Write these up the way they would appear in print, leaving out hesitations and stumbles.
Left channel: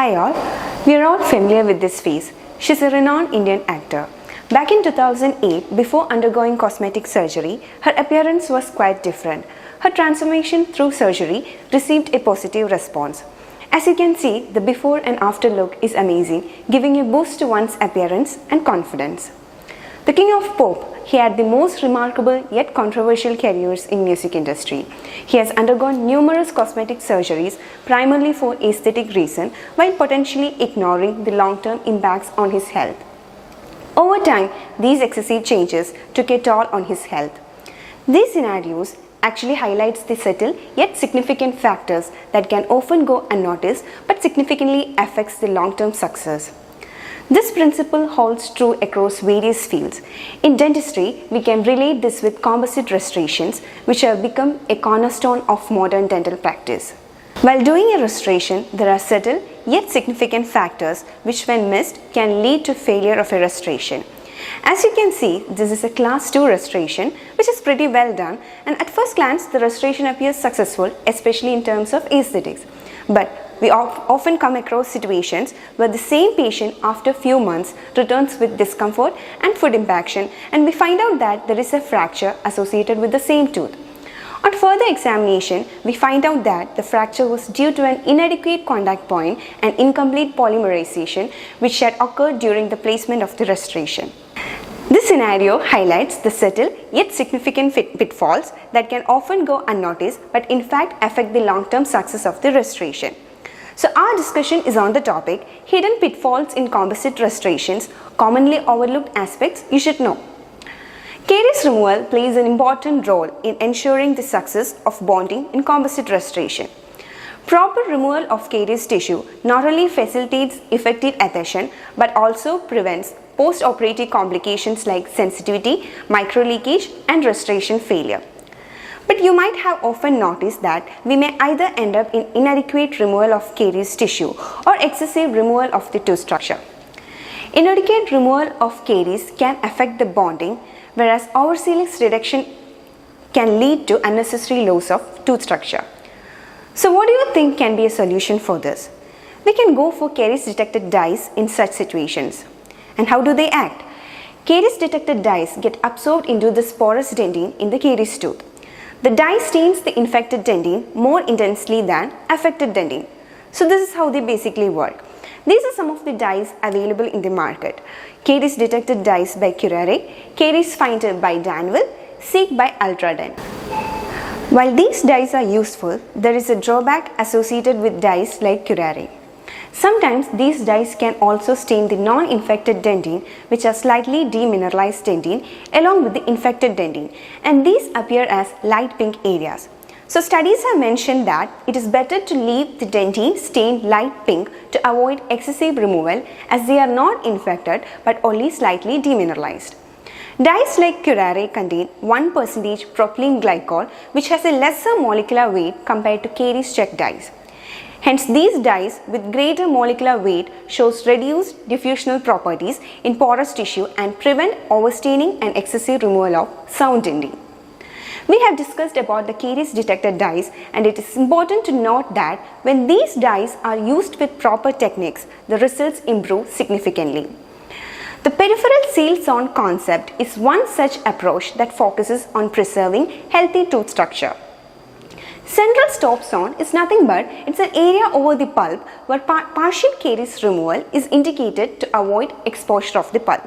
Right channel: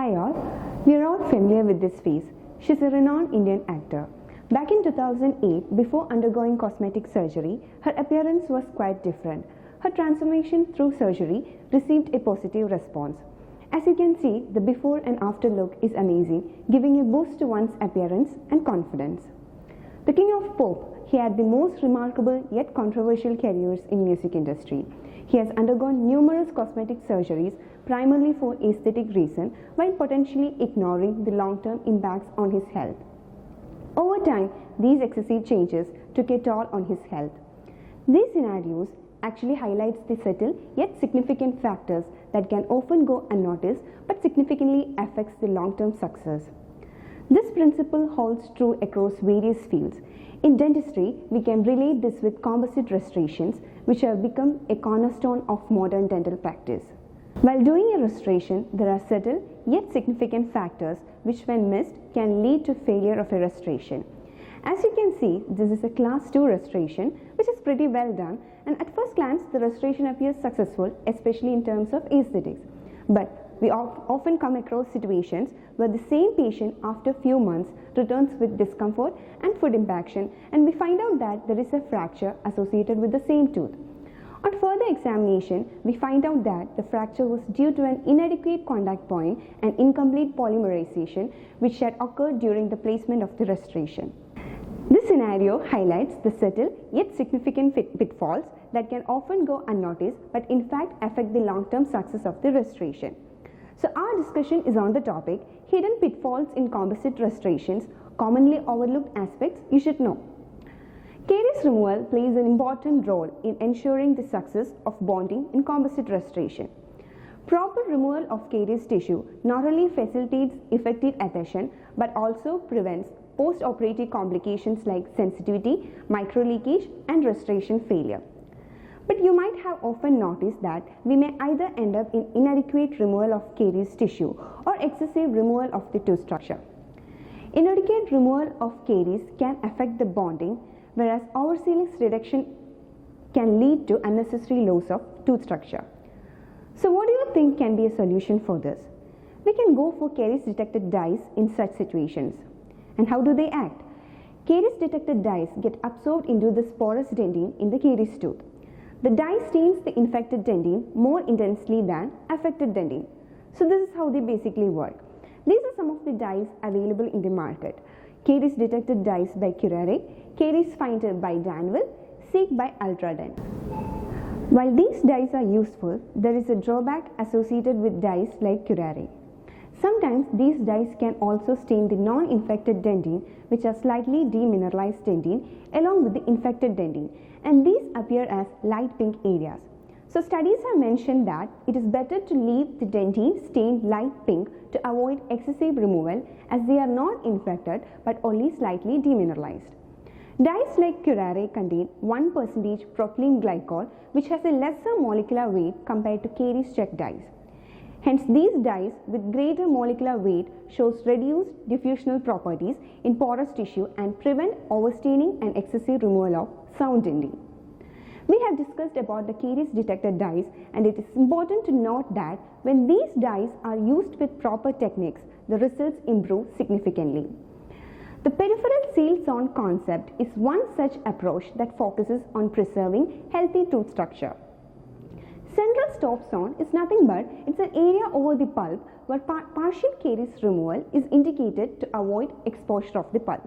Hi all, we are all familiar with this face. She's a renowned Indian actor. Back in 2008, before undergoing cosmetic surgery, her appearance was quite different. Her transformation through surgery received a positive response. As you can see, the before and after look is amazing, giving a boost to one's appearance and confidence. The King of Pop, he had the most remarkable yet controversial careers in music industry. He has undergone numerous cosmetic surgeries primarily for aesthetic reasons while potentially ignoring the long-term impacts on his health. Over time, these excessive changes took a toll on his health. These scenarios actually highlights the subtle yet significant factors that can often go unnoticed but significantly affects the long-term success. This principle holds true across various fields. In dentistry, we can relate this with composite restorations, which have become a cornerstone of modern dental practice. While doing a restoration, there are subtle yet significant factors which, when missed, can lead to failure of a restoration. As you can see, this is a class 2 restoration, which is pretty well done, and at first glance, the restoration appears successful, especially in terms of aesthetics. But we often come across situations where the same patient after few months returns with discomfort and food impaction, and we find out that there is a fracture associated with the same tooth. On further examination, we find out that the fracture was due to an inadequate contact point and incomplete polymerization which had occurred during the placement of the restoration. This scenario highlights the subtle yet significant pitfalls that can often go unnoticed but in fact affect the long-term success of the restoration. So our discussion is on the topic hidden pitfalls in composite restorations, commonly overlooked aspects you should know. Caries removal plays an important role in ensuring the success of bonding in composite restoration. Proper removal of caries tissue not only facilitates effective adhesion but also prevents post-operative complications like sensitivity, microleakage, and restoration failure. But you might have often noticed that we may either end up in inadequate removal of caries tissue or excessive removal of the tooth structure. Inadequate removal of caries can affect the bonding, whereas oversights reduction can lead to unnecessary loss of tooth structure. So what do you think can be a solution for this? We can go for caries detected dyes in such situations. And how do they act? Caries detected dyes get absorbed into the porous dentine in the caries tooth. The dye stains the infected dentine more intensely than affected dentine. So this is how they basically work. These are some of the dyes available in the market. Caries detected dyes by Kuria, Caries Finder by Danville, Seek by Ultradent. While these dyes are useful, there is a drawback associated with dyes like Kuria. Sometimes these dyes can also stain the non-infected dentine, which are slightly demineralized dentine, along with the infected dentine, and these appear as light pink areas. So studies have mentioned that it is better to leave the dentine stained light pink to avoid excessive removal, as they are not infected but only slightly demineralized. Dyes like Kuria contain 1% propylene glycol, which has a lesser molecular weight compared to caries check dyes. Hence, these dyes with greater molecular weight shows reduced diffusional properties in porous tissue and prevent overstaining and excessive removal of sound dentine. We have discussed about the caries detected dyes, and it is important to note that when these dyes are used with proper techniques, the results improve significantly. The peripheral seal zone concept is one such approach that focuses on preserving healthy tooth structure. Central stop zone is nothing but it's an area over the pulp where partial caries removal is indicated to avoid exposure of the pulp.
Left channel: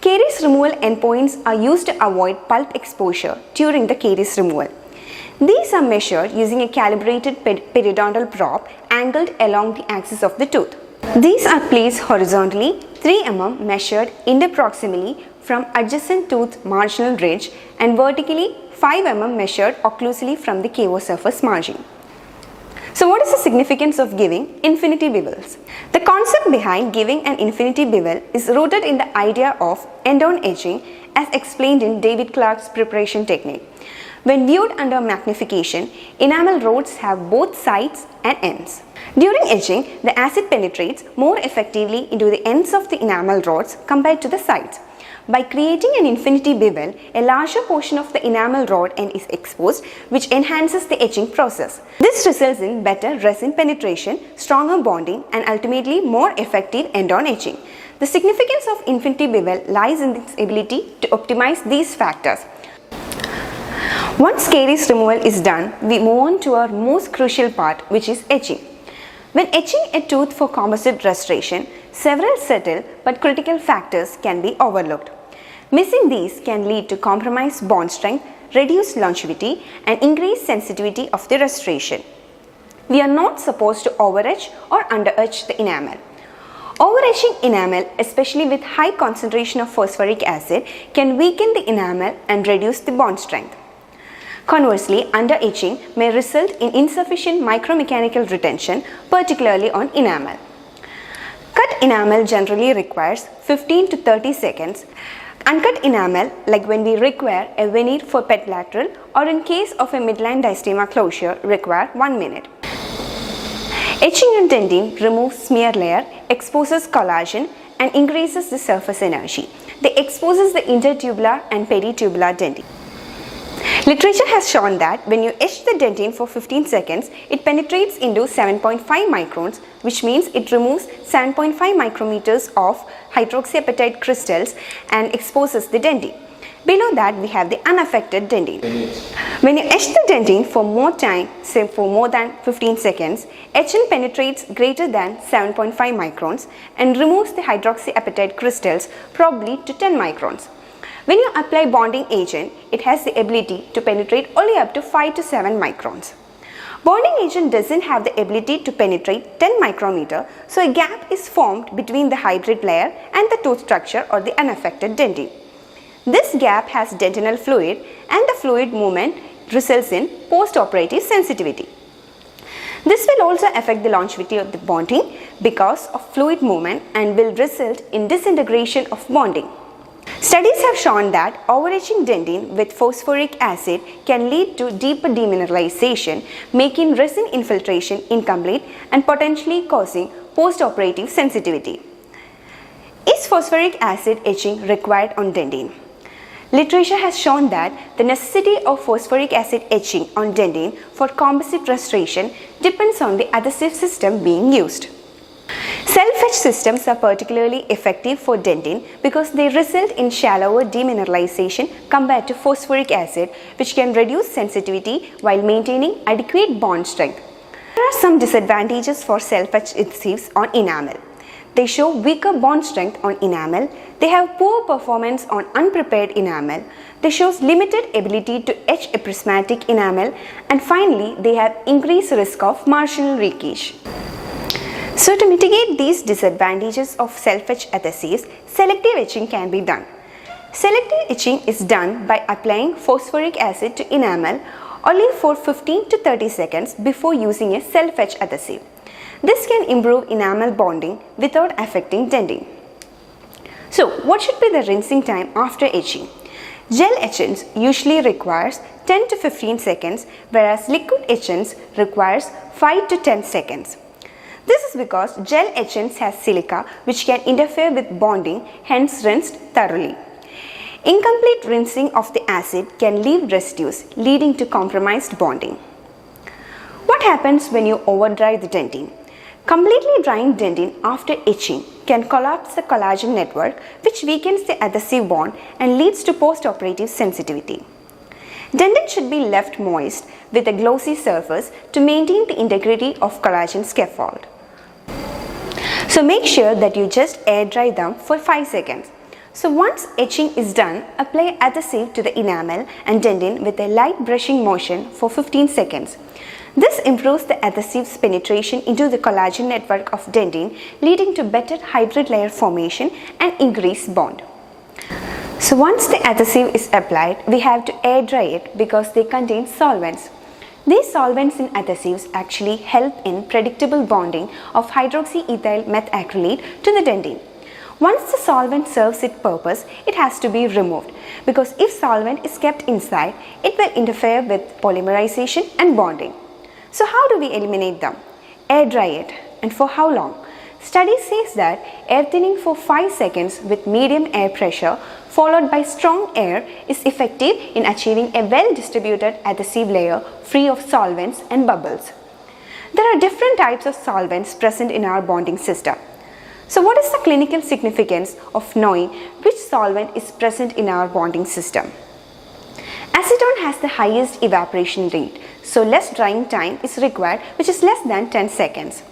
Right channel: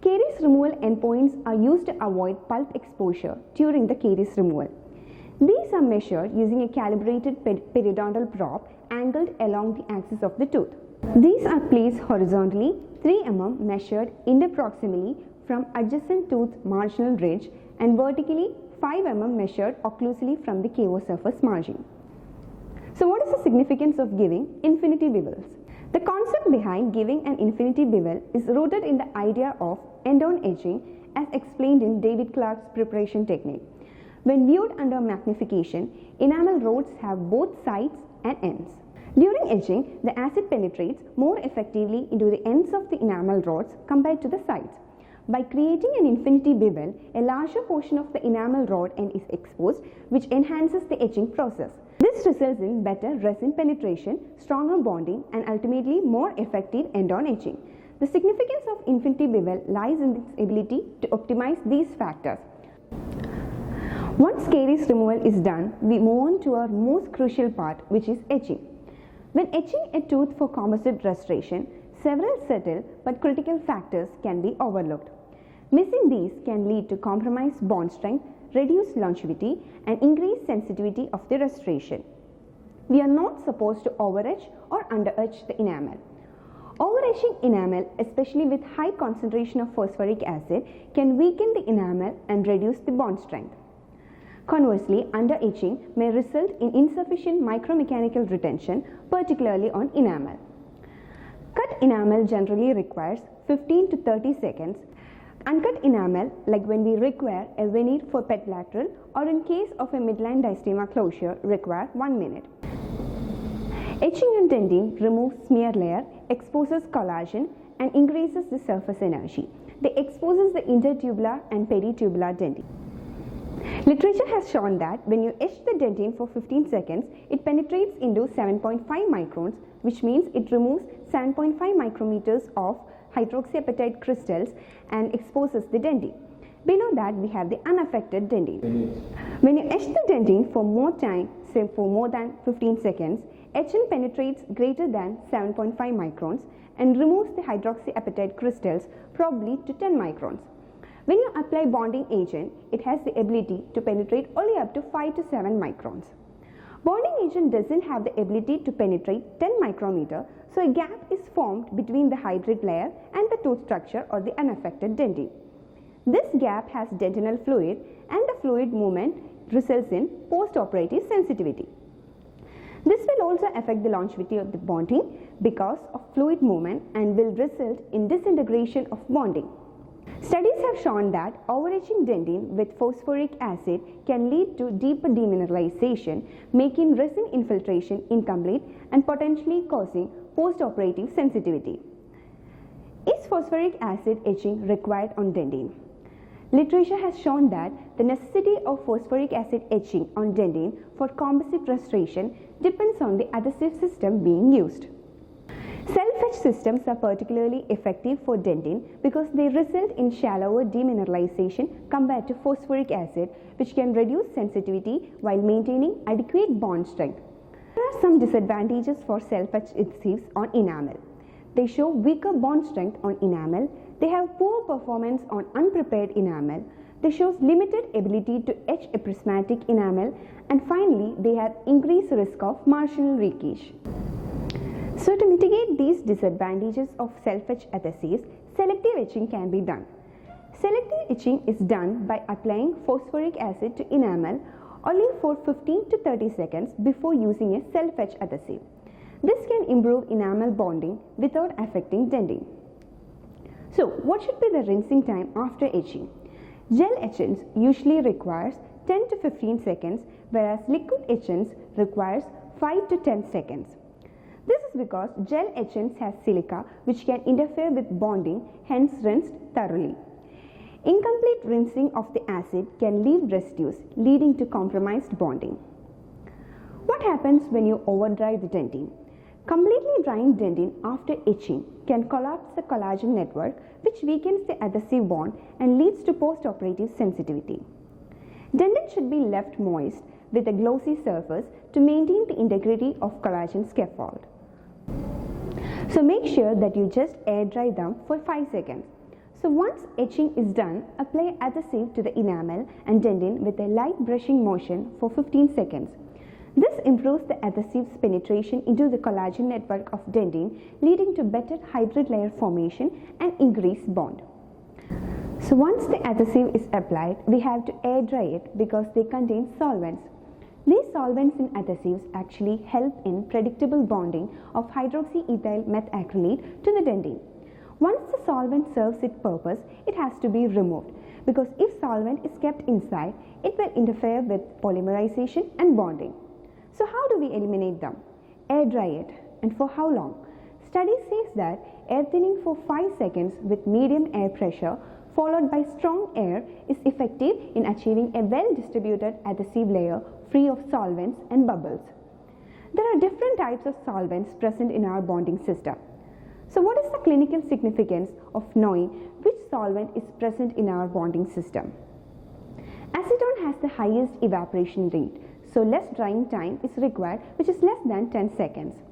Caries removal endpoints are used to avoid pulp exposure during the caries removal. These are measured using a calibrated periodontal probe angled along the axis of the tooth. These are placed horizontally 3 mm measured interproximally from adjacent tooth marginal ridge and vertically 5 mm measured occlusally from the KO surface margin. So what is the significance of giving infinity bevels? The concept behind giving an infinity bevel is rooted in the idea of end-on edging as explained in David Clark's preparation technique. When viewed under magnification, enamel rods have both sides and ends. During edging, the acid penetrates more effectively into the ends of the enamel rods compared to the sides. By creating an infinity bevel, a larger portion of the enamel rod end is exposed, which enhances the etching process. This results in better resin penetration, stronger bonding, and ultimately more effective end-on etching. The significance of infinity bevel lies in its ability to optimize these factors. Once caries removal is done, we move on to our most crucial part, which is etching. When etching a tooth for composite restoration, several subtle but critical factors can be overlooked. Missing these can lead to compromised bond strength, reduced longevity, and increased sensitivity of the restoration. We are not supposed to overetch or underetch the enamel. Overetching enamel, especially with high concentration of phosphoric acid, can weaken the enamel and reduce the bond strength. Conversely, underetching may result in insufficient micromechanical retention, particularly on enamel. Cut enamel generally requires 15 to 30 seconds. Uncut enamel, like when we require a veneer for pet lateral or in case of a midline diastema closure, require 1 minute. Etching on dentine removes smear layer, exposes collagen, and increases the surface energy. They exposes the intertubular and peritubular dentine. Literature has shown that when you etch the dentine for 15 seconds, it penetrates into 7.5 microns, which means it removes 7.5 micrometers of hydroxyapatite crystals and exposes the dentine. Below that, we have the unaffected dentine. When you etch the dentine for more time, say for more than 15 seconds, etching penetrates greater than 7.5 microns and removes the hydroxyapatite crystals probably to 10 microns. When you apply bonding agent, it has the ability to penetrate only up to 5 to 7 microns. Bonding agent doesn't have the ability to penetrate 10 micrometer, so a gap is formed between the hybrid layer and the tooth structure or the unaffected dentine. This gap has dentinal fluid, and the fluid movement results in post-operative sensitivity. This will also affect the longevity of the bonding because of fluid movement and will result in disintegration of bonding. Studies have shown that overetching dentine with phosphoric acid can lead to deeper demineralization, making resin infiltration incomplete and potentially causing post-operative sensitivity. Is phosphoric acid etching required on dentine? Literature has shown that the necessity of phosphoric acid etching on dentine for composite restoration depends on the adhesive system being used. Self-etch systems are particularly effective for dentine because they result in shallower demineralization compared to phosphoric acid, which can reduce sensitivity while maintaining adequate bond strength. There are some disadvantages for self-etch adhesives on enamel. They show weaker bond strength on enamel, they have poor performance on unprepared enamel, they show limited ability to etch a prismatic enamel, and finally they have increased risk of marginal leakage. So to mitigate these disadvantages of self-etch adhesives, selective etching can be done. Selective etching is done by applying phosphoric acid to enamel only for 15 to 30 seconds before using a self-etch adhesive. This can improve enamel bonding without affecting dentine. So what should be the rinsing time after etching? Gel etchants usually requires 10 to 15 seconds, whereas liquid etchants requires 5 to 10 seconds. This is because gel etchants has silica which can interfere with bonding, hence rinsed thoroughly. Incomplete rinsing of the acid can leave residues, leading to compromised bonding. What happens when you overdry the dentine? Completely drying dentine after etching can collapse the collagen network, which weakens the adhesive bond and leads to post-operative sensitivity. Dentine should be left moist with a glossy surface to maintain the integrity of collagen scaffold. So make sure that you just air dry them for 5 seconds. So once etching is done, apply adhesive to the enamel and dentine with a light brushing motion for 15 seconds. This improves the adhesive's penetration into the collagen network of dentine, leading to better hybrid layer formation and increased bond. So once the adhesive is applied, we have to air dry it because they contain solvents. These solvents in adhesives actually help in predictable bonding of hydroxyethyl methacrylate to the dentine. Once the solvent serves its purpose, it has to be removed because if solvent is kept inside, it will interfere with polymerization and bonding. So how do we eliminate them? Air dry it, and for how long? Study says that air thinning for 5 seconds with medium air pressure followed by strong air is effective in achieving a well-distributed adhesive layer free of solvents and bubbles. There are different types of solvents present in our bonding system. So what is the clinical significance of knowing which solvent is present in our bonding system? Acetone has the highest evaporation rate, so less drying time is required, which is less than 10 seconds.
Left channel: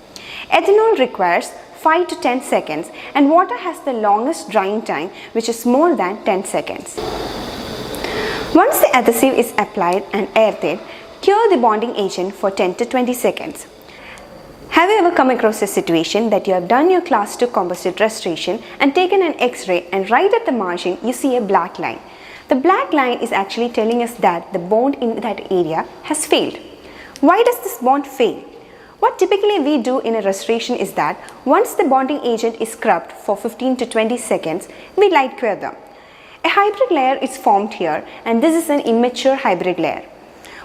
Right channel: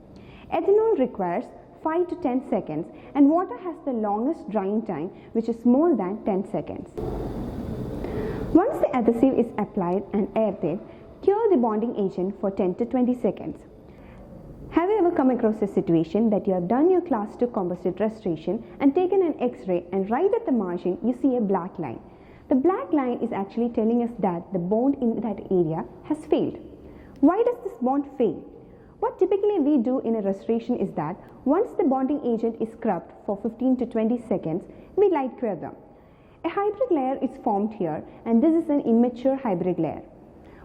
Ethanol requires 5 to 10 seconds and water has the longest drying time, which is more than 10 seconds. Once the adhesive is applied and air-thinned, cure the bonding agent for 10 to 20 seconds. Have you ever come across a situation that you have done your class 2 composite restoration and taken an X-ray and right at the margin you see a black line? The black line is actually telling us that the bond in that area has failed. Why does this bond fail? What typically we do in a restoration is that once the bonding agent is scrubbed for 15 to 20 seconds, we light cure them. A hybrid layer is formed here and this is an immature hybrid layer.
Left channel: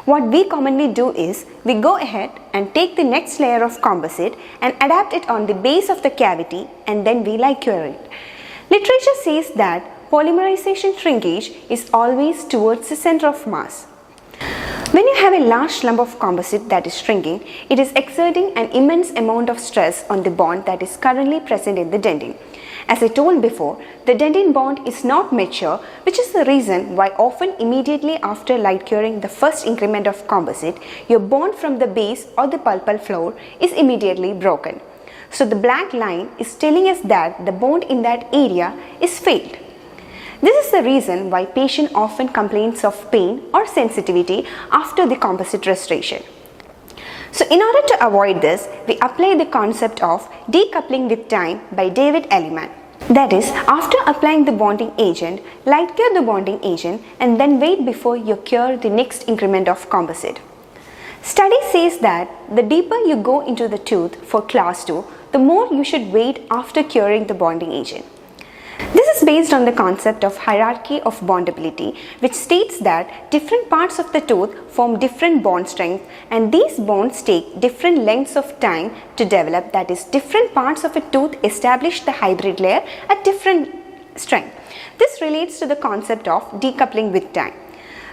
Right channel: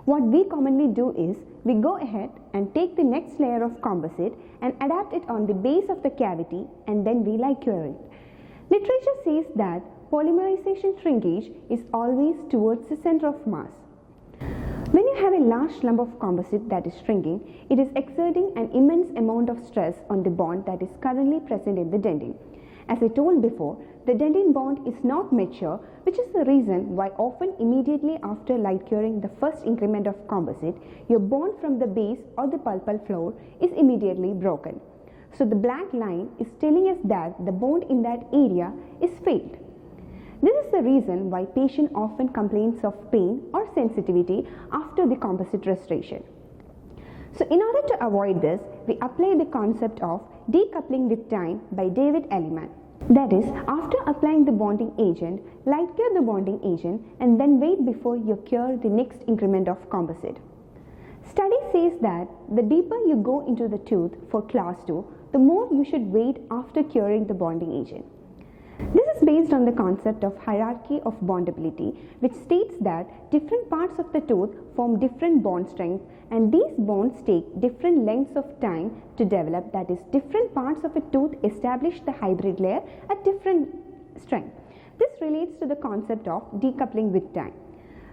What we commonly do is we go ahead and take the next layer of composite and adapt it on the base of the cavity and then we light cure it. Literature says that polymerization shrinkage is always towards the center of mass. When you have a large lump of composite that is shrinking, it is exerting an immense amount of stress on the bond that is currently present in the dentin. As I told before, the dentin bond is not mature, which is the reason why often immediately after light curing the first increment of composite, your bond from the base or the pulpal floor is immediately broken. So the black line is telling us that the bond in that area is failed. This is the reason why patient often complains of pain or sensitivity after the composite restoration. So in order to avoid this, we apply the concept of decoupling with time by David Elliman. That is, after applying the bonding agent, light cure the bonding agent and then wait before you cure the next increment of composite. Study says that the deeper you go into the tooth for class 2, the more you should wait after curing the bonding agent. This is based on the concept of hierarchy of bondability, which states that different parts of the tooth form different bond strength and these bonds take different lengths of time to develop. That is, different parts of a tooth establish the hybrid layer at different strength. This relates to the concept of decoupling with time.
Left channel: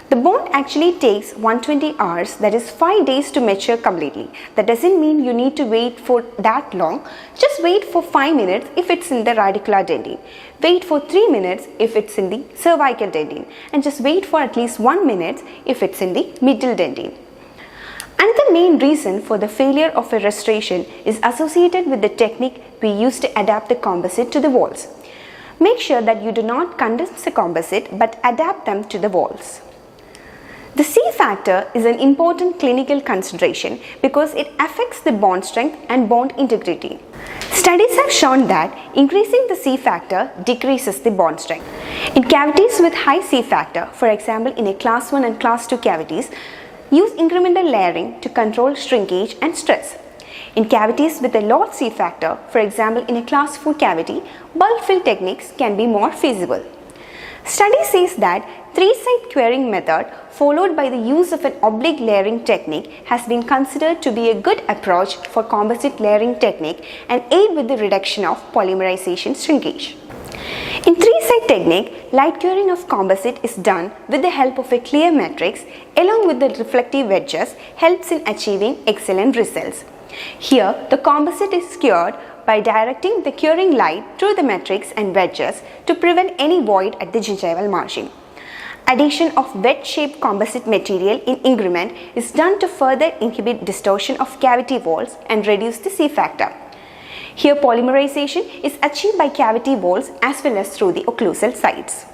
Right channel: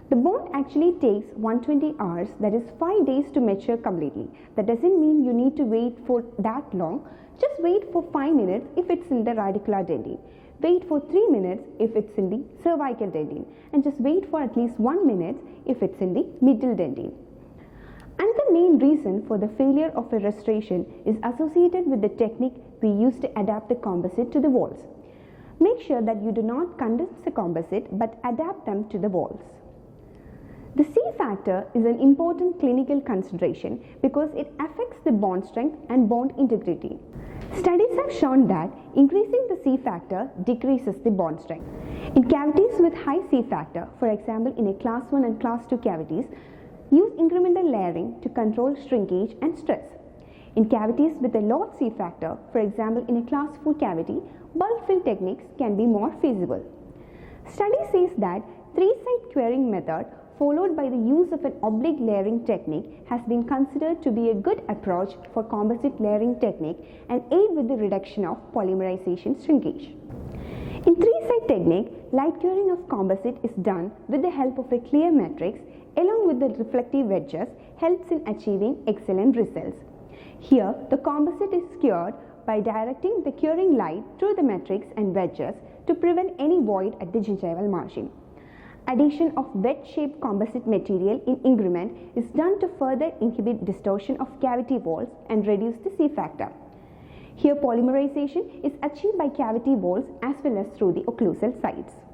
The bond actually takes 120 hours, that is 5 days to mature completely. That doesn't mean you need to wait for that long. Just wait for 5 minutes if it's in the radicular dentin. Wait for 3 minutes if it's in the cervical dentin. And just wait for at least 1 minute if it's in the middle dentin. Another main reason for the failure of a restoration is associated with the technique we use to adapt the composite to the walls. Make sure that you do not condense the composite but adapt them to the walls. The C factor is an important clinical consideration because it affects the bond strength and bond integrity. Studies have shown that increasing the C factor decreases the bond strength. In cavities with high C factor, for example in a class 1 and class 2 cavities, use incremental layering to control shrinkage and stress. In cavities with a low C factor, for example in a class 4 cavity, bulk fill techniques can be more feasible. Study says that 3-site curing method followed by the use of an oblique layering technique has been considered to be a good approach for composite layering technique and aid with the reduction of polymerization shrinkage. In 3-site technique, light curing of composite is done with the help of a clear matrix along with the reflective wedges helps in achieving excellent results. Here, the composite is cured by directing the curing light through the matrix and wedges to prevent any void at the gingival margin. Addition of wedge-shaped composite material in increment is done to further inhibit distortion of cavity walls and reduce the C factor. Here polymerization is achieved by cavity walls as well as through the occlusal sides.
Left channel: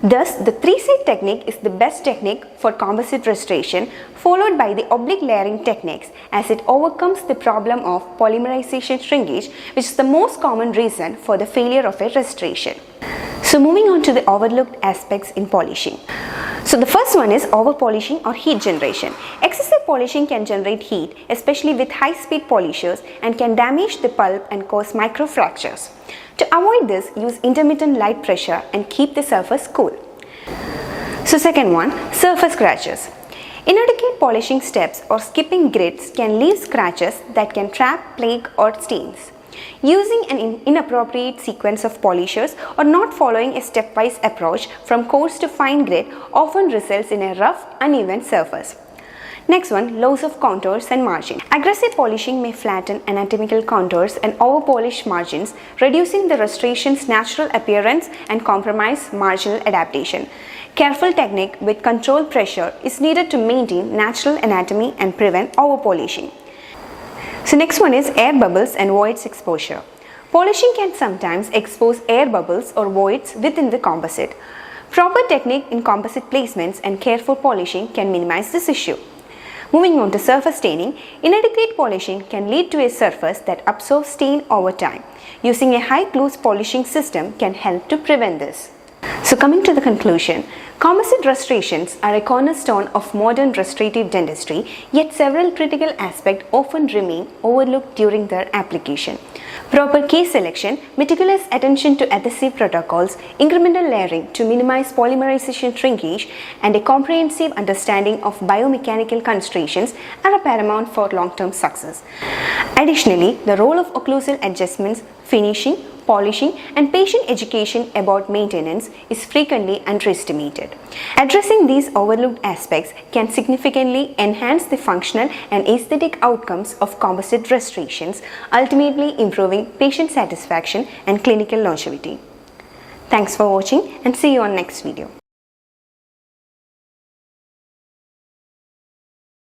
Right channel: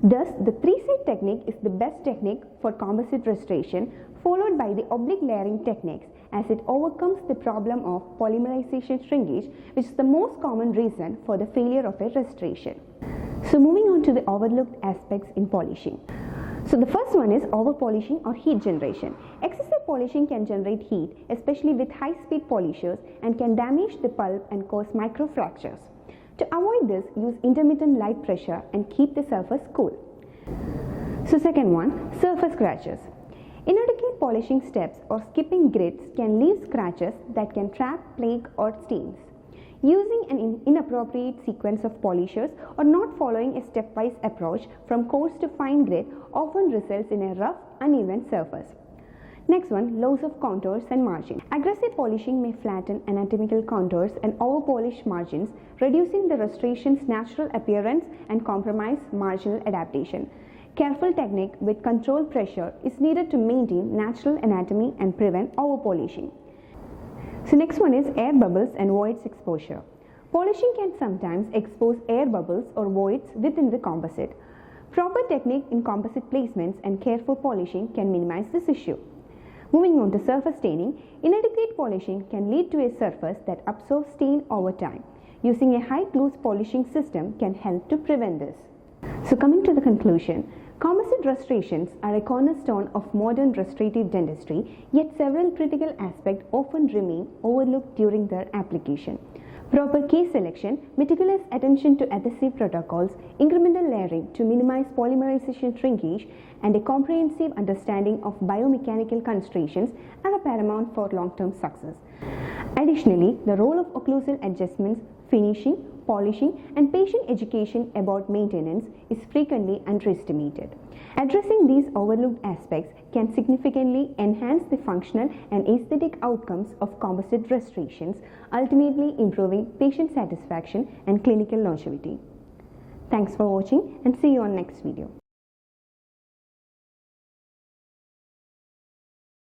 Thus, the 3-site technique is the best technique for composite restoration followed by the oblique layering techniques as it overcomes the problem of polymerization shrinkage, which is the most common reason for the failure of a restoration. So moving on to the overlooked aspects in polishing. So the first one is over polishing or heat generation. Excessive polishing can generate heat, especially with high speed polishers, and can damage the pulp and cause microfractures. To avoid this, use intermittent light pressure and keep the surface cool. So second one, surface scratches. Inadequate polishing steps or skipping grids can leave scratches that can trap plaque or stains. Using an inappropriate sequence of polishers or not following a stepwise approach from coarse to fine grit often results in a rough, uneven surface. Next one, loss of contours and margin. Aggressive polishing may flatten anatomical contours and over-polish margins, reducing the restoration's natural appearance and compromise marginal adaptation. Careful technique with controlled pressure is needed to maintain natural anatomy and prevent over-polishing. So next one is air bubbles and voids exposure. Polishing can sometimes expose air bubbles or voids within the composite. Proper technique in composite placements and careful polishing can minimize this issue. Moving on to surface staining, inadequate polishing can lead to a surface that absorbs stain over time. Using a high-gloss polishing system can help to prevent this. So coming to the conclusion, composite restorations are a cornerstone of modern restorative dentistry, yet several critical aspects often remain overlooked during their application. Proper case selection, meticulous attention to adhesive protocols, incremental layering to minimize polymerization shrinkage, and a comprehensive understanding of biomechanical constraints are paramount for long-term success. Additionally, the role of occlusal adjustments, finishing, polishing, and patient education about maintenance is frequently underestimated. Addressing these overlooked aspects can significantly enhance the functional and aesthetic outcomes of composite restorations, ultimately improving patient satisfaction and clinical longevity. Thanks for watching and see you on next video.